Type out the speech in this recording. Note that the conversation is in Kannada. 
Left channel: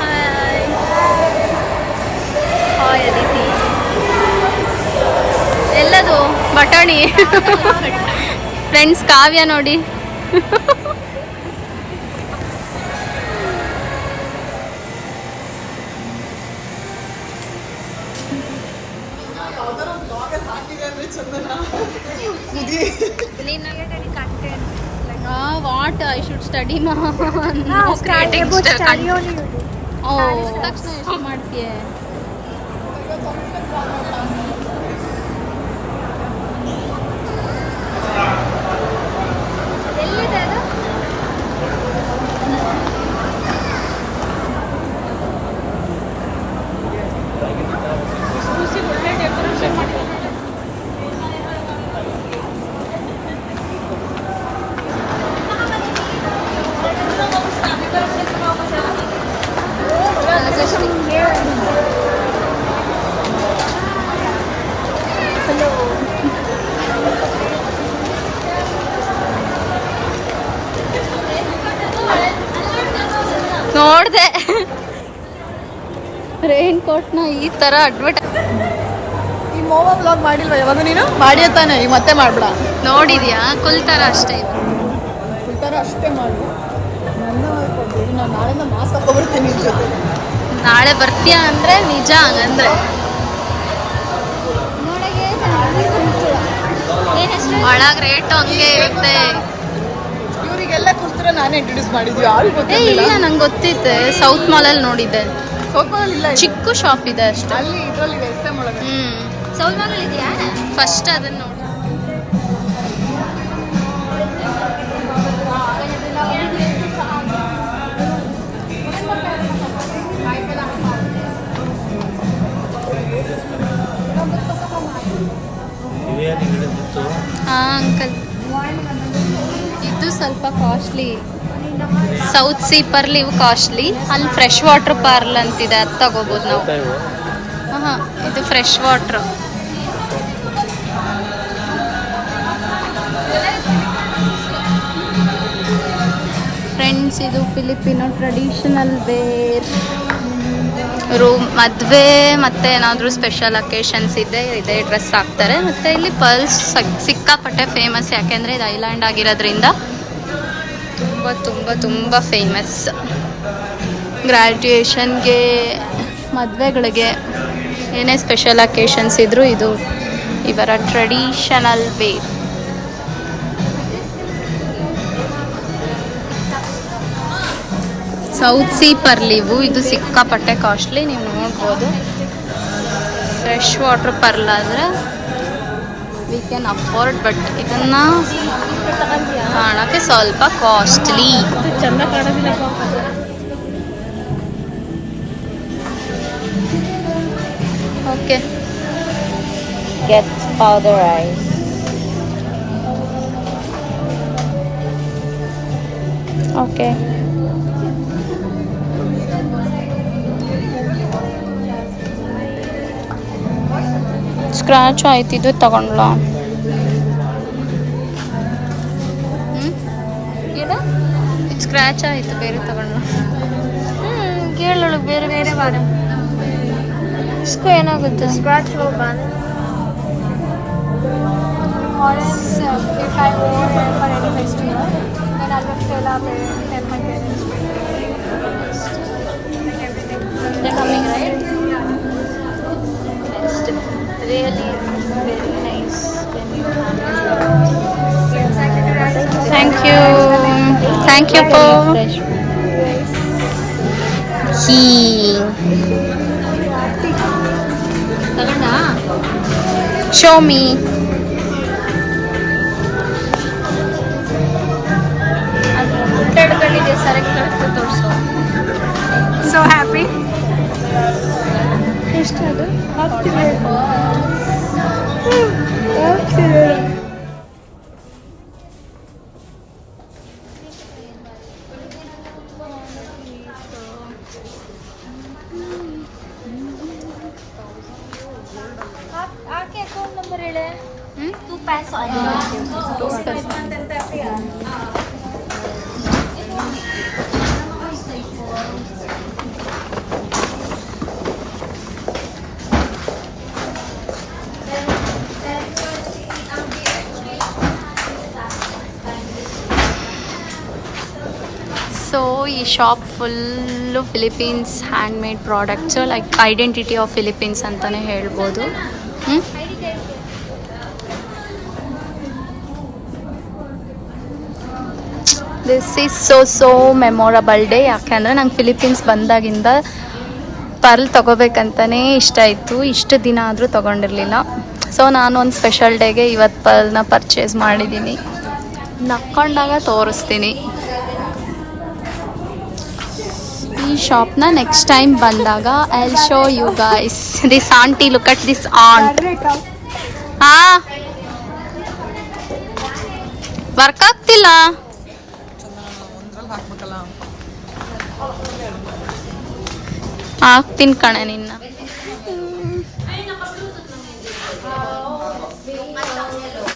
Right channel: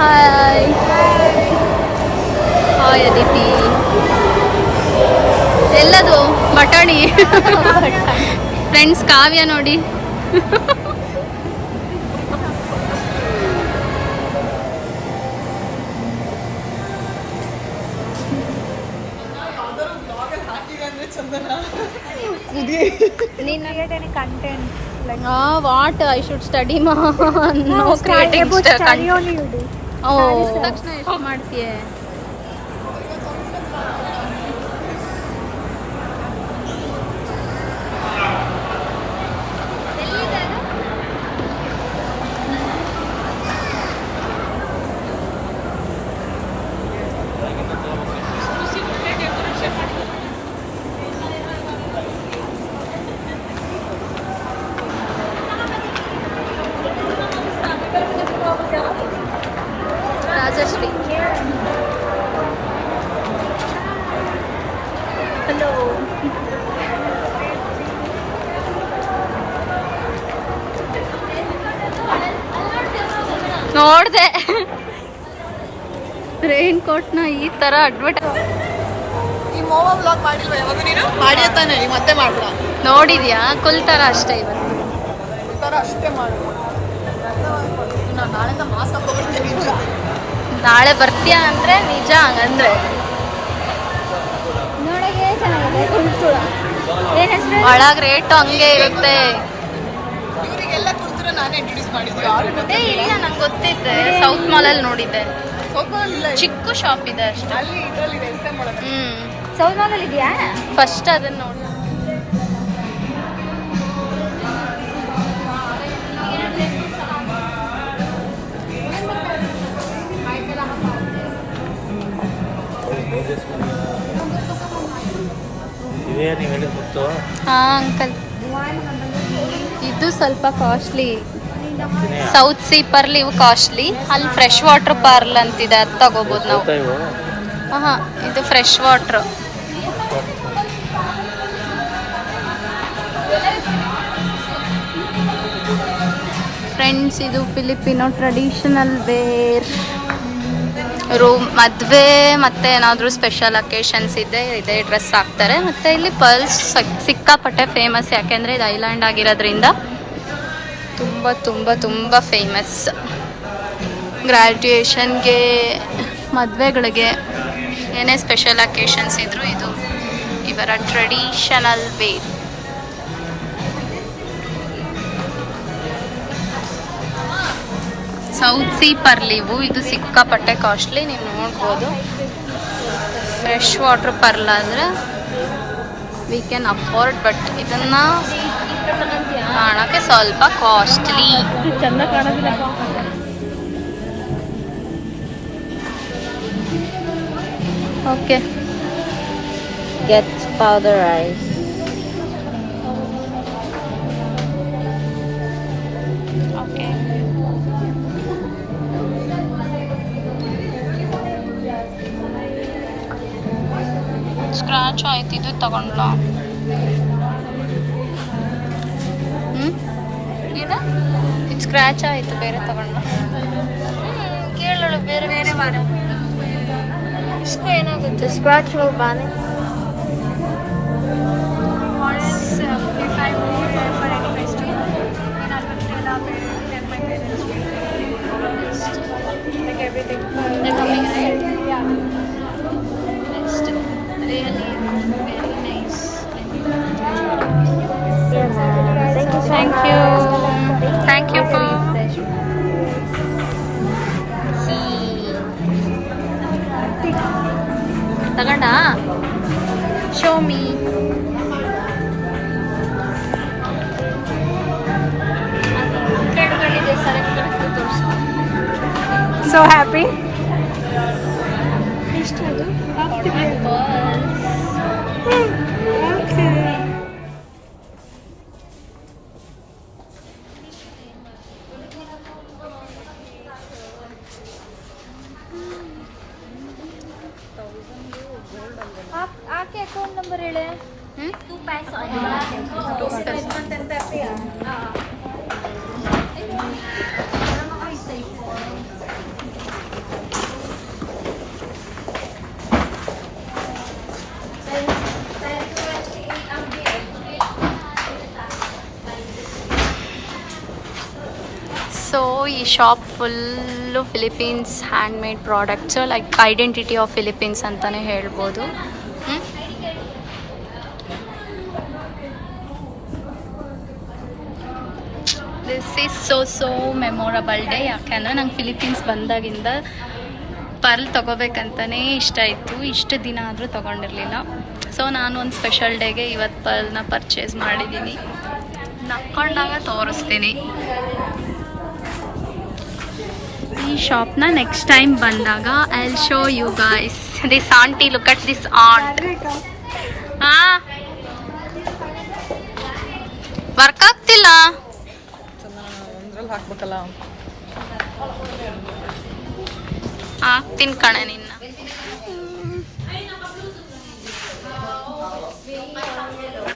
Hi hi Aditi. ಎಲ್ಲದು ಬಟಾಣಿ. ಫ್ರೆಂಡ್ಸ್ ಕಾವ್ಯ ನೋಡಿ. What I should study no creating content. ಓ ಎಷ್ಟು ಮಾಡ್ತೀಯ? ರಾಜಶ್ರೀ ಹಲೋ. ನೋಡ್ದೆ ರೈನ್ ಕೋಟ್ನ ಈ ತರ ನೋಡಿದ್ಯಾ? ಕುಲ್ ತರ ಅಷ್ಟೇ ಇವ. ನಾಳೆ ಬರ್ತೀಯ ಅಂದ್ರೆ ನಿಜ ಹಂಗಂದ್ರೆ. ಒಳಗ್ ರೇಟು ಹಂಗೆ ಇರುತ್ತೆ. ಇಲ್ಲ ನಂಗೆ ಗೊತ್ತಿತ್ತೆ, ಸೌತ್ ಮಾಲಲ್ಲಿ ನೋಡಿದ್ದೆ. ಚಿಕ್ಕ ಶಾಪ್ ಇದೆ ಅಷ್ಟೇ. ಸೌತ್ ಮಾಲಲ್ಲಿ ಇದೆಯಾ? ಫಸ್ಟ್ ಅದನ್ನ ನೋಡಿ. ಹಾಂ ಅಂಕಲ್, ಇದು ಸ್ವಲ್ಪ ಕಾಸ್ಟ್ಲಿ. ಸೌತ್ ಸೀ ಪರ್ಲ್ ಇವು ಕಾಸ್ಟ್ಲಿ. ಅಲ್ಲಿ ಫ್ರೆಶ್ ವಾಟರ್ ಪರ್ಲ್ ಅಂತಿದೆ, ಅದು ತಗೋಬೋದು ನಾವು. ಹಾಂ ಇದು ಫ್ರೆಶ್ ವಾಟ್ರ್. ಫ್ರೆಂಡ್ಸ್ ಇದು ಫಿಲಿಪಿನೋ ಟ್ರೆಡಿಷನಲ್ ವೇರ್. ಮದುವೆ ಮತ್ತೆ ಏನಾದರೂ ಸ್ಪೆಷಲ್ ಅಕೇಶನ್ಸ್ ಇದೇ ಡ್ರೆಸ್ ಹಾಕ್ತಾರೆ. ಮತ್ತು ಇಲ್ಲಿ ಪರ್ಲ್ಸ್ ಸಿಕ್ಕಾಪಟ್ಟೆ ಫೇಮಸ್, ಯಾಕೆಂದರೆ ಇದು ಐಲ್ಯಾಂಡ್ ಆಗಿರೋದ್ರಿಂದ ತುಂಬ ತುಂಬ ತುಂಬ ಫೇಮಸ್. ಗ್ರ್ಯಾಜುಯೇಷನ್ಗೆ, ಮದುವೆಗಳಿಗೆ, ಏನೇ ಸ್ಪೆಷಲ್ ಅಕೇಶನ್ಸ್ ಇದ್ದರೂ ಇದು ಇವರ traditional wear. South sea pearl ಇವು. ಇದು ಸಿಕ್ಕಾಪಟ್ಟೆ ಕಾಸ್ಟ್ಲಿ, ನೀವು ನೋಡ್ಬೋದು. ಫ್ರೆಶ್ ವಾಟರ್ ಪರ್ಲ್ ಆದರೆ ವಿ ಕ್ಯಾನ್ ಅಫೋರ್ಡ್, ಬಟ್ ಇದನ್ನು ಕಾಣೋಕ್ಕೆ ಸ್ವಲ್ಪ costly. Okay, get powder ice. Okay, scratch ಆಯ್ತು, ಇದು ತಗೊಂಡ್ಲ. ಇದು ಸ್ಕ್ರಾಚ್ ಆಯಿತು, ಬೇರೆ ತಗೊಂಡ್ಲ. ಕೇಳೋಳು ಬೇರೆ ಬೇರೆ ಮಾಡ ಏನಾಗುತ್ತೆ ಸ್ಕ್ರಾಚ್. ಥ್ಯಾಂಕ್ ಯು ಪೋ. ತಗೊಂಡ ಶೋಮಿ. So happy. ಈ shop full Philippines hand made products, like identity of Philippines ಅಂತಲೇ ಹೇಳ್ಬೋದು. This is so memorable day. ಯಾಕೆಂದರೆ ನಂಗೆ ಫಿಲಿಪೀನ್ಸ್ ಬಂದಾಗಿಂದ ಪರ್ಲ್ ತೊಗೋಬೇಕಂತಲೇ ಇಷ್ಟ ಇತ್ತು. ಇಷ್ಟು ದಿನ ಆದರೂ ತೊಗೊಂಡಿರಲಿಲ್ಲ. ಸೊ ನಾನು ಒಂದು ಸ್ಪೆಷಲ್ ಡೇಗೆ ಇವತ್ತು ಪರ್ಲ್ನ ಪರ್ಚೇಸ್ ಮಾಡಿದ್ದೀನಿ. ನಕ್ಕೊಂಡಾಗ ತೋರಿಸ್ತೀನಿ ಈ ಶಾಪ್ನ. ನೆಕ್ಸ್ಟ್ ಟೈಮ್ ಬಂದಾಗ I will show you guys. This aunty, look at this aunt. Work ಆಗ್ತಿಲ್ಲ. ಹಾಕ್ತೀನಿ ಕಣೆ ನಿನ್ನ.